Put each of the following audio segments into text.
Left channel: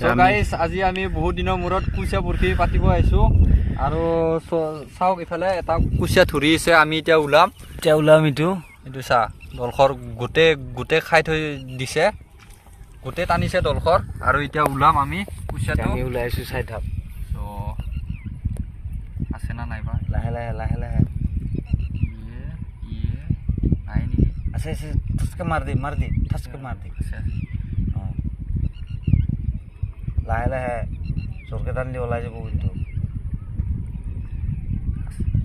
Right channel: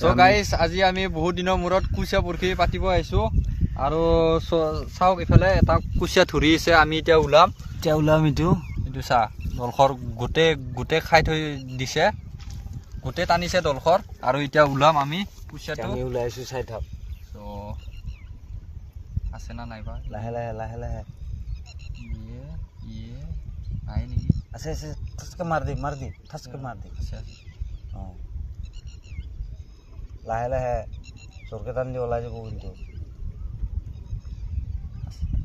So guys আজি আমি বহুত দিনৰ মূৰত কুচিয়া বৰশী পাতিব আহিছোঁ আৰু চাওক ইফালে এটা কুচিয়া ধৰি আছে আমি এতিয়া ওলাম এইটো চা দলখৰ গোটেই খাই থৈ দিছে গোটেই টানিছে দলখৰ আৰু এতিয়া ওলাম আমি কুচিয়াটো আমি ওলাইছোঁ চাই থাক সো আছে না নাইবা লাহে লাহে ইয়ে নাই নেকি আছে ঠচকে মাৰ দি ঠচকে মাৰ দি আছে লাহে চৰকে টানি ওলাই যাব কিন্তু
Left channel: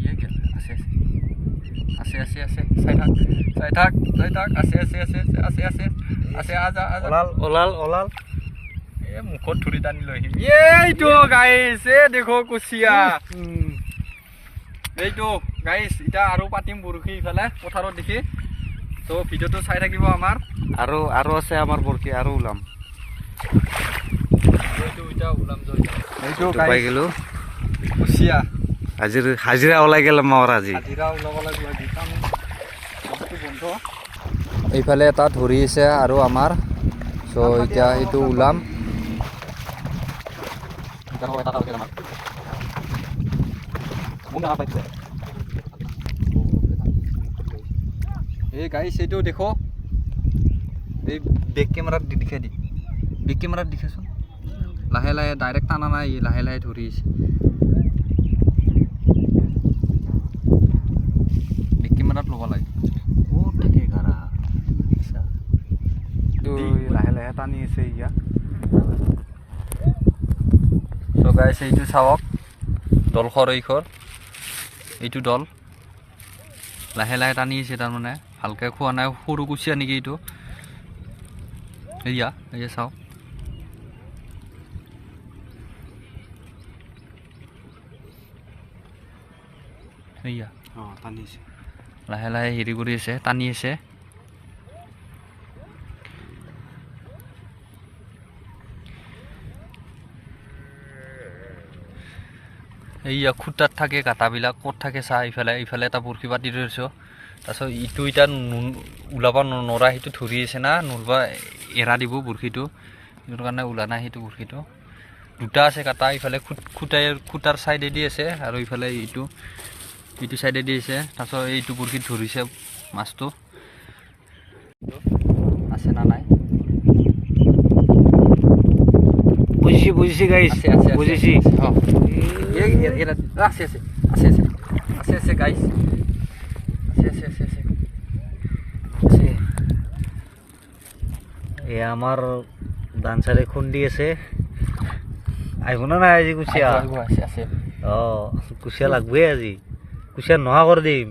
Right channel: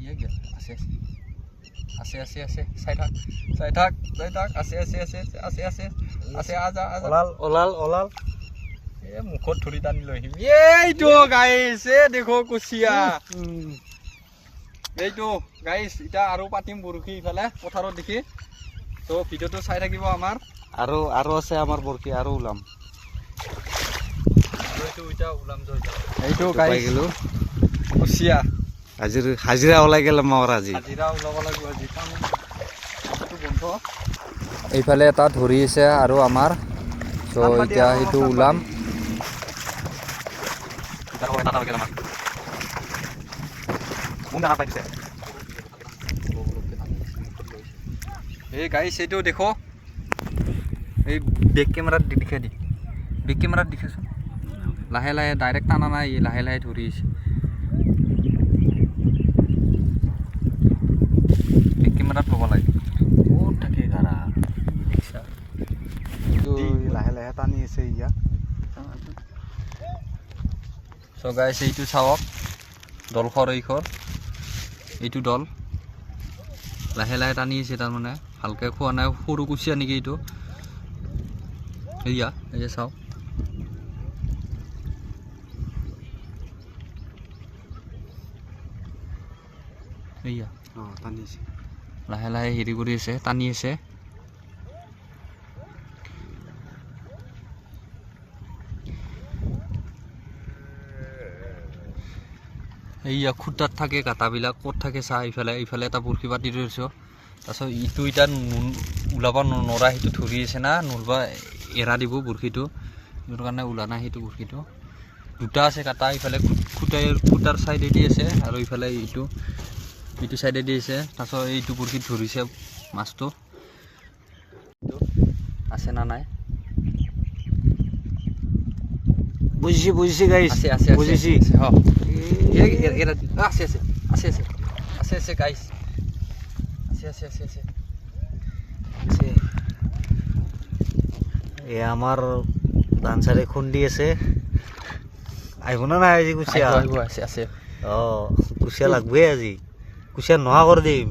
ইয়ে গেল আছে চাই থাক আছে আজা ওলাল এ মুখত ধৰি টানি লৈ আহিম এইটো গাইছ এ দেখো কুচিয়া এইটো গাইছ এতিয়া আৰু পাতিম বৰশী ইফালে পথাৰত দেখি তো ভিডিঅ'টো চাই থাকিব আমাৰ আৰু আছে আমাৰ বৰশী আৰু ওলাম এইটো পাই গেলো কুচিয়া হাজিৰা ওলাই গেল আমাৰ আজি হাজিৰা ওলাব লাগিব আজি কামটো বন্ধ এইফালে এটা ধৰি আছে আৰু আমাৰ চ' এতিয়া সেইটো ওলাম এই গাইছ এইটো দেখো এই বেক কেমেৰাত দেখাচোন লাহে ডাইৰেক্ট টানা নাই লাহে ধৰি আছে বেক কেমেৰাত ল'ব লাগে বহুত থাকে গাৰা দেখিছা লাহে টানি আছে ইয়া চ' গাইছ এইটো চাওক দলখৰ এইটো দল লাহে টানি আছে তাৰমানে ভালকৈ খোৱা নাই সৰু কুচিয়া নেকি এইটো এয়া চাওক এয়া টানি আছে লাহে হেৰি কৰি আছে টানি আছে এইয়া খুটাত থাকে কাটাবিলাক ক'ত থাকে চাহ ইফালে এটা বৰশী পাতি ধৰিছোঁ তাৰপিছত ইটো এতিয়া ওলাব নৰা সেইটো ধৰি আছে না নলবা এৰা দিব বৰশীটো সেইটো কাৰণে ওলা নাই সেইটো বৰশীটো দুটা আছে কাটা ইফালে খুটাৰ চাইডেদি আছে আৰু ইফালে ইটো চাইডেদি আছে তাৰপিছত এইটো বৰশীত ধৰিছে মাছটো আছে না নাই বুজিছি গাইছ বুজিছি আছে গাইছ আছে এ আমাৰ ডান্সাৰে খুন্দি আছে আহিব না নাই আজি কুচিয়া আছে কুচিয়া লাগবে আজি কুচিয়া নোহোৱা কৰি দিম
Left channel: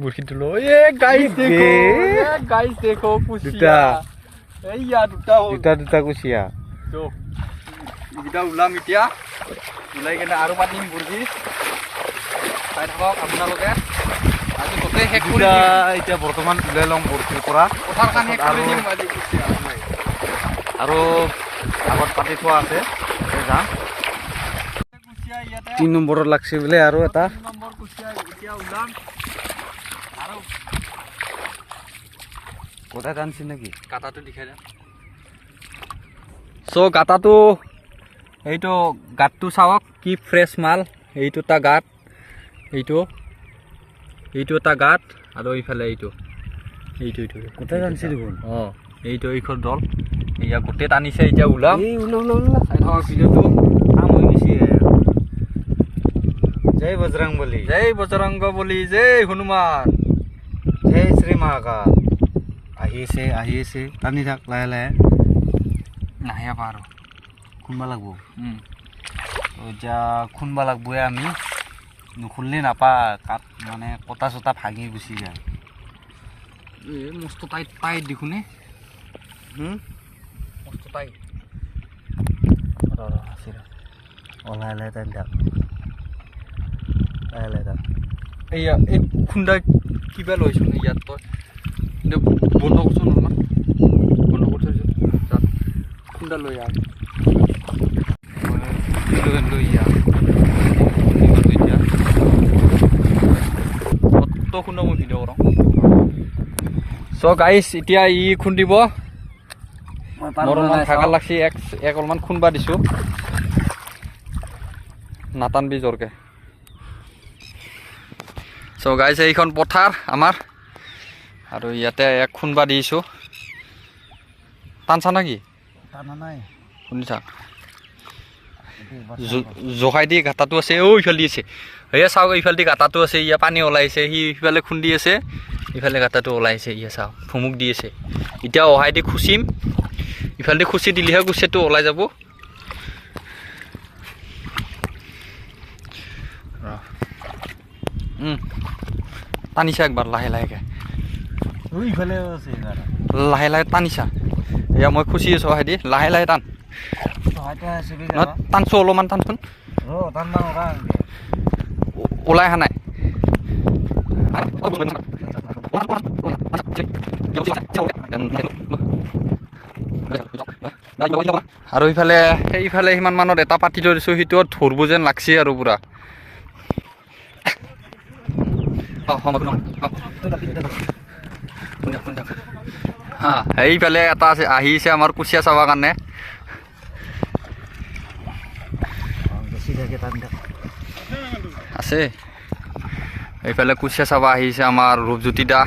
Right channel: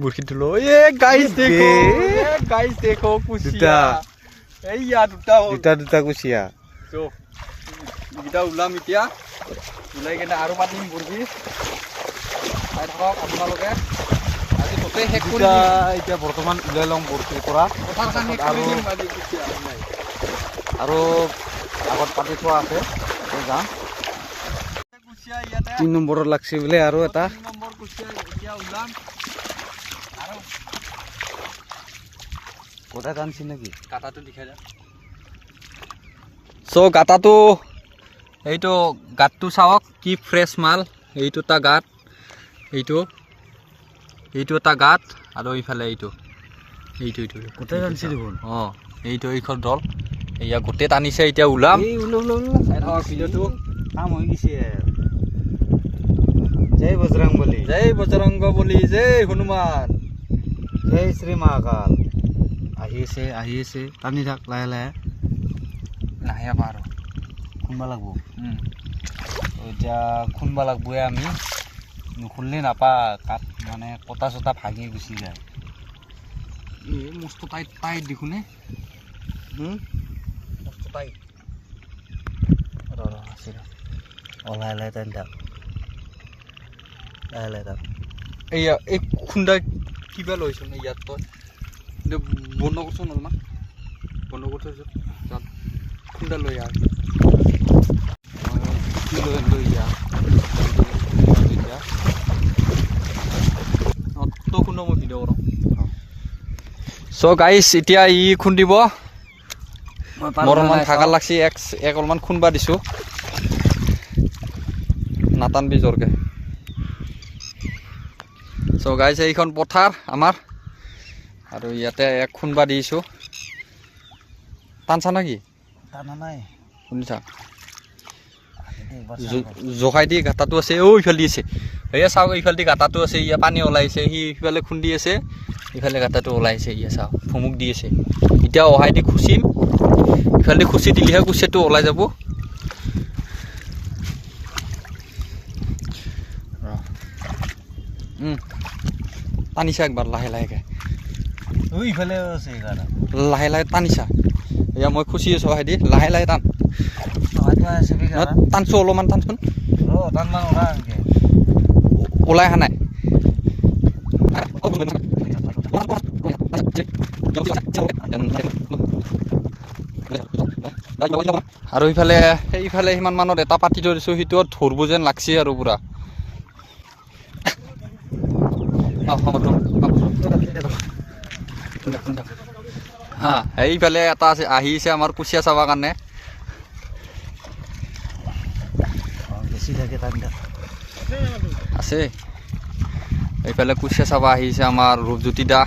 বৰশীটো লৈ গাইছ দেখো কুচিয়া এইয়া দুটা কুচিয়া এইকেইটা ওলাম এতিয়া ওলাই কিনে আৰু পাতিম বৰশী চাই থাকক আপোনালোকে আজি গোটেই শেষ কৰি এতিয়া বৰ্তমান ওলাই ল'ম বৰশীৰ পৰা পথাৰখন শেষ কৰি দিম আজি কুচিয়া আৰু আগত পাতি থোৱা আছে যাম কুচিয়া ইয়াতে 3 নম্বৰত লাগছে বোলে আৰু এটা 3 নম্বৰ কুচিয়া এতিয়া ওলাম আৰু কোথা টানছি নাকি কাটাটো দেখাই দে চ' গাটাটো এইটো গাঁতটো চাওক কি ফ্ৰেছ মাল এইটো এটা গাঁত এইটো এটা গাঁত আৰু এইফালে এইটো কোথা টানছি দেখোন এইখন দল এয়া গোটেই টানিছে এতিয়া ওলাম চাই থাকক ভিডিঅ'টো কাম হৈ গৈছে জয় বজৰংবলী জয় হনুমান জয় শ্ৰী মহাকাল আহি আছে টানি থাক লাহে নাহে পাৰ খুন্দবা লাগব এতিয়া খুন্দবা লাগবই আমি নুখুনলে নাপা কাট মানে কটা চটা ভাঙি গুচি যায় মস্ত টাইট দেখোনে মস্ত টাইট লাহে টানি থাক লাহে থাক এইয়া এই খুন্দা কিবা লৈছোঁ নে ইয়াত তই বন্ধ কৰচোন অলপমান বন্ধ কৰি থৈছোঁ খুন্দা লৈ আহ লৈ আহ এতিয়া খুন্দা মই ভিডিঅ' কৰাওঁ চ' গাইছ এতিয়া ই খুন্দিব মোৰ অলপমান ভাগৰ লাগছি এক অলপমান খুন্দবা দিছোঁ নাটানবি জোৰকে চ' গাইজ এইখন পথাৰ আমাৰ আৰু ইয়াতে এক খুন্দবা দিছোঁ টানছা নেকি টানা নাই শুনিছা জোখাই দি গাঁতাটো আছে ঐ ইফালে দি আছে সেয়া চাওক ইফালে দি গাঁতাটো আছে ইয়া পানী ওলাইছে সি সিফালে খুন্দি আছে ইফালে গাঁতাটো ওলাইছে ইয়া চাওক ভুমুক দি আছে এতিয়া অহাই দি খুচিম ইফালে দি খুচি দিলেহে কুচিয়াটো ওলাই যাব টানিছা একবাৰ লাহে লাহেকৈ ইফালে আছে লাহে লাহে টানিছা এয়া মই খুচি আছোঁ অহাই দি লাহে লাহে টান টানছোঁ অলপমান টানচোন ওলাই অহা নাই আৰু ইফালে সেইফালে সিমান মানত এটা পাতি থৈ দিছোঁ সেইটো ধৰিব যেন লাগছে আৰু পূৰা সেইফালে এটা আছে আহিছে আমাৰ কুচিয়া চাবৰ কাৰণে আছে এইফালে কুচিয়া চাব আহিছে আমাৰ ৰূপজ্যোতি দা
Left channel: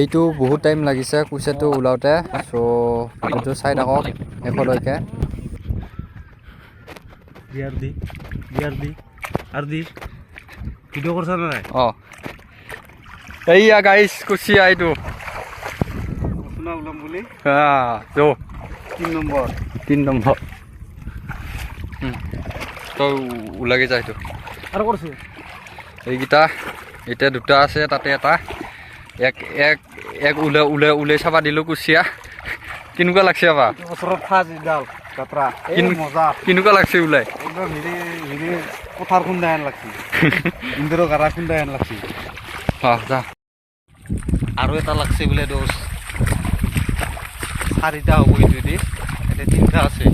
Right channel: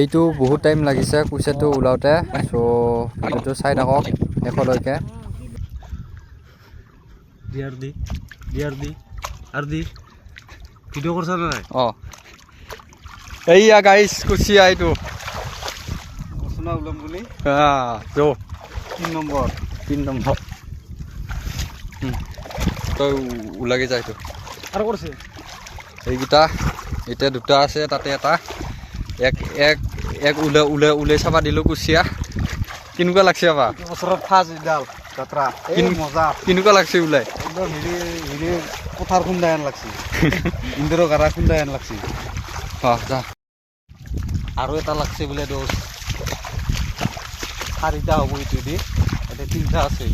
এইটো বহুত টাইম লাগিছে কুচিয়াটো ওলাওঁতে চ' ভিডিঅ'টো চাই থাকক শেষলৈকে ভিডিঅ' কৰিছা নাই অঁ এইয়া গাইছ কুচিয়া এইটো ওলাম বুলি যৌ 3 নম্বৰ তই ওলাগে যা এইটো আৰু কৰিছে এইকেইটা এতিয়া দুটা আছে তাতে এটা এক এক এক ওলাই চাবা দিলোঁ কুচিয়া কেনেকুৱা লাগছে আপা ওচৰত ফাৰ্ষ্ট ইডাল যাত্ৰা মজা কেনেকুৱা লাগছে ওলাই একদম হেৰি পথাৰ খুন্দা হেন লাগছে ইন্দুৰৰ গাৰা খুন্দা হেন লাগছে যা আৰু এটা লাগছে বোলে দোষ 4টা হ'ব যদি এতিয়া 3টা আছে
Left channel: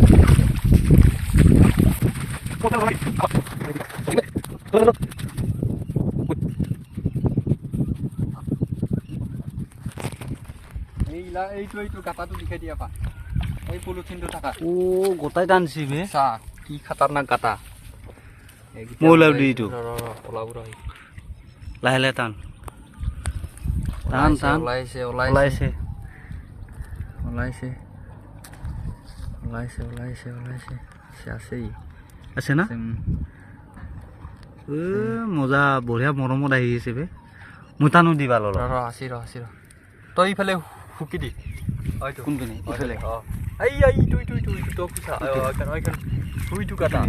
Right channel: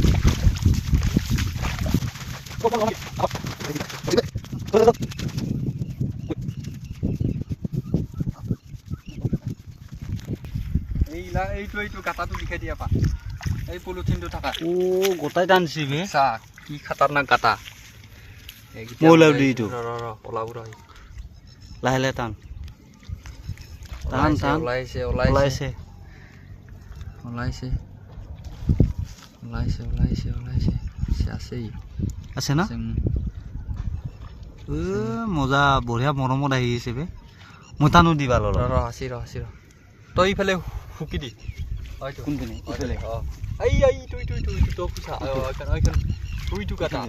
এইটো গাঁতাটো লিখাই দিয়া পা এই পলিথিনটো থাকা গোটাই টানছি বে চা কি খাতাৰনাক গাঁতা ওলাব দি এইটো ওলাব ৰ লাহে লাহে টান টান টান ওলাইছে ওলাইছে ওলাইছে ওলাইছে ওলাইছে ওলাইছে আছেই আছে না মজা বঢ়িয়া মৰমত আহি আছে বে মই টানো দিবা ৰ আছি ৰ তই ইফালে শুকি দি কোনপিনে ইফালে তুইটো কাটা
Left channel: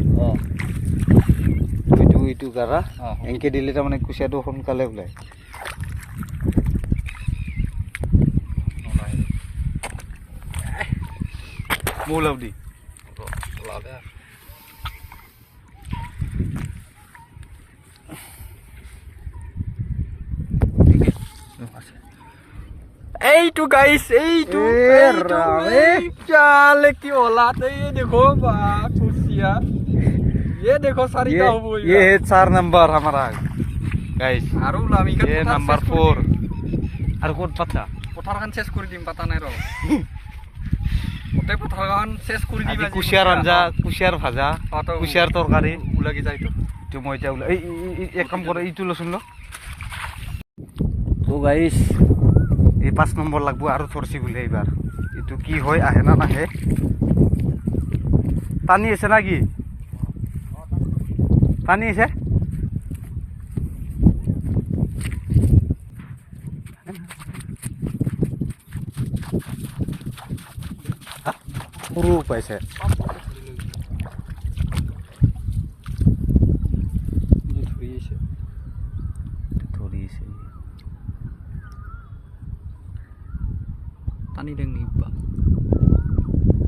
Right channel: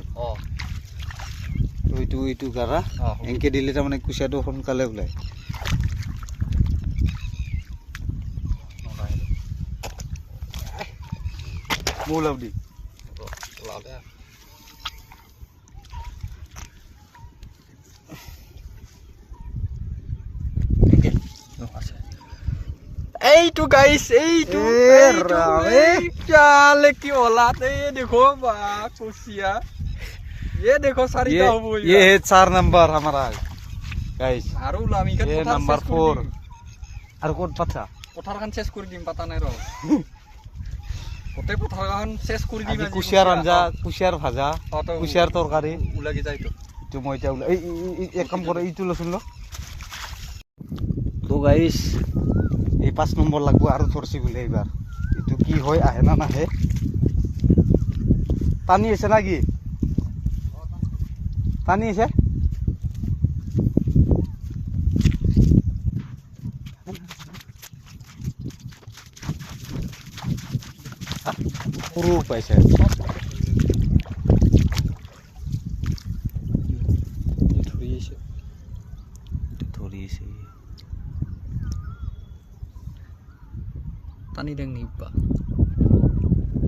এইটো গাৰা এনেকে দিলে তাৰমানে কুচিয়াটো সোনকালে ওলায় মোৰ লাভ দি এইটো গাইছ এইটো চালে কি ওলাত এই দেখো বা কুচিয়া ये देखो सारिका हो गई ये है 4 नंबर हमारा गाइस आरो लामी का ये नंबर 4 আর কোট পাতা পথারখান শেষ করে দিম পাতা নাই র ওতে পথারখান শেষ করে দিম আজি কুশিয়ার আঞ্জা কুশিয়ার ভাজা কুশিয়ার তরকারি উলাগি যাই তো মই এটা এই এক কাম করে ইটো লসুন লো তো গাইস এই 5 নম্বৰ লাগবো আৰু ধরছি বলে এইবার এটো কি হয় আহে না নাহে পানি আছে নাকি পানী আছে সৰু পাইছে ধৰিছে পানী দেং নিবা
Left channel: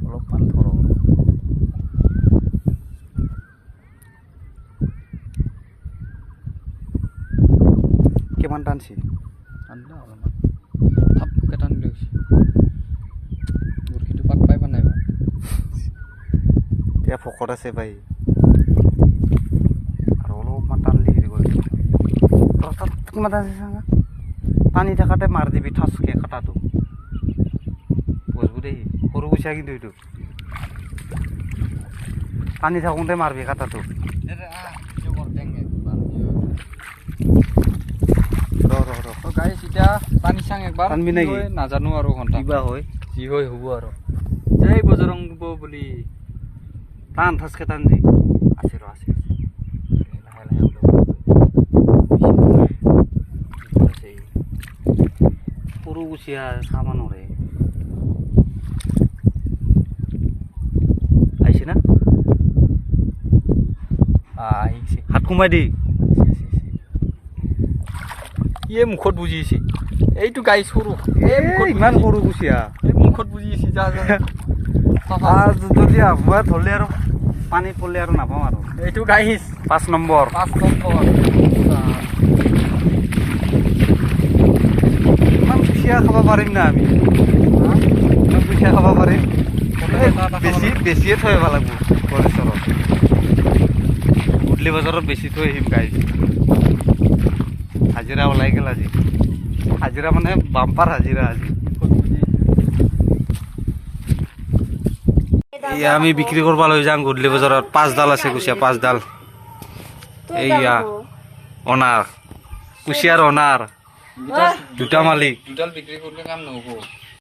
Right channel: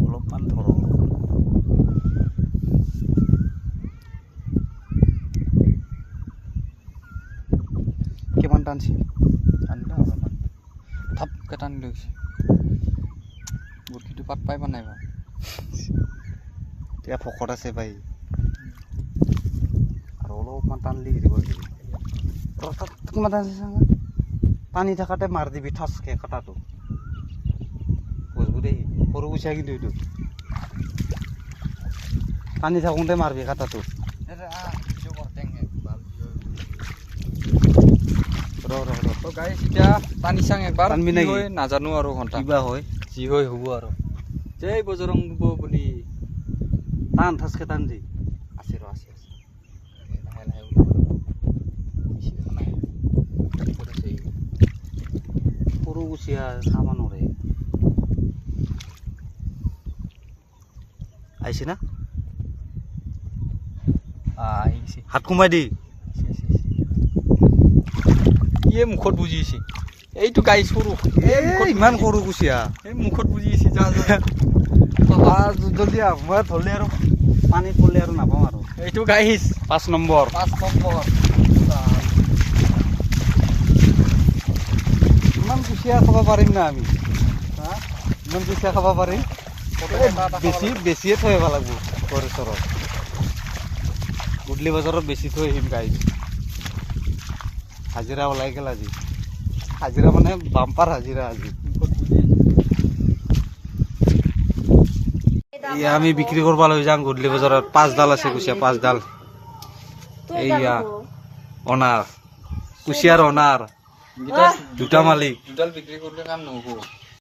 অলপমান ধৰক কিমান টানছে আনিলো অলপমান থাপকে টানি লৈছে বৰশীটো পাক পাই নাই এতিয়া ভকত আছে ভাই আৰু অলপমান টানলি হেৰি কৰিছে তাত কিমান টানছে চাঙা পানী থাকাতে মাৰ দিবি ঠাচকে কাটাটো বুজবো দেই সৰু কুচিয়া কিন্তু এইটো পানী থাকোঁতে মাৰবি কাটাটো গাইছ এতিয়া পানী চাং একবাৰ টানবি নেকি? নাজানো আৰু ঘণ্টা কিবা হয় যি হয় হ'ব আৰু জয় বজৰং বুলি টান ঠাচকে টান দি আছে ৰ আছে লাহে লাহে সৰু কুচিয়া চাব নৰে আহিছে না আহিছে হাত সোমাই দি ইয়ে মুখত বুজিছে এইটো গাই সৰু ইমান সৰু কুচিয়া এই মুখত বুজিছে যা যদি আগুৱাই থলে আৰু পানীত পৰলে আৰু নাপাওঁ আৰু এইটো গাইছ 5 নম্বৰ 5 নম্বৰ ইমান কুচিয়া খাব পাৰিম না আমি ইমান কুচিয়া খাব পাৰিম বেছিয়ে থৈ আহিব লাগিব গণেশ্বৰত গধূলি বজাৰত বেছি থৈ আহিম গাইছ হাজিৰা ওলাই গ'ল আজি হাজিৰা মানে বাম্পাৰ হাজিৰা আজি এয়া আমি বিক্ৰী কৰিব লৈ যাওঁ গধূলি বজাৰত 5 ডাল আছে কুচিয়া 5 ডাল এইয়া অনাৰ কুচিয়াৰ অনাৰ দুটা মালিক দুডাল বিক্ৰী কৰিলে কাম নহ'ব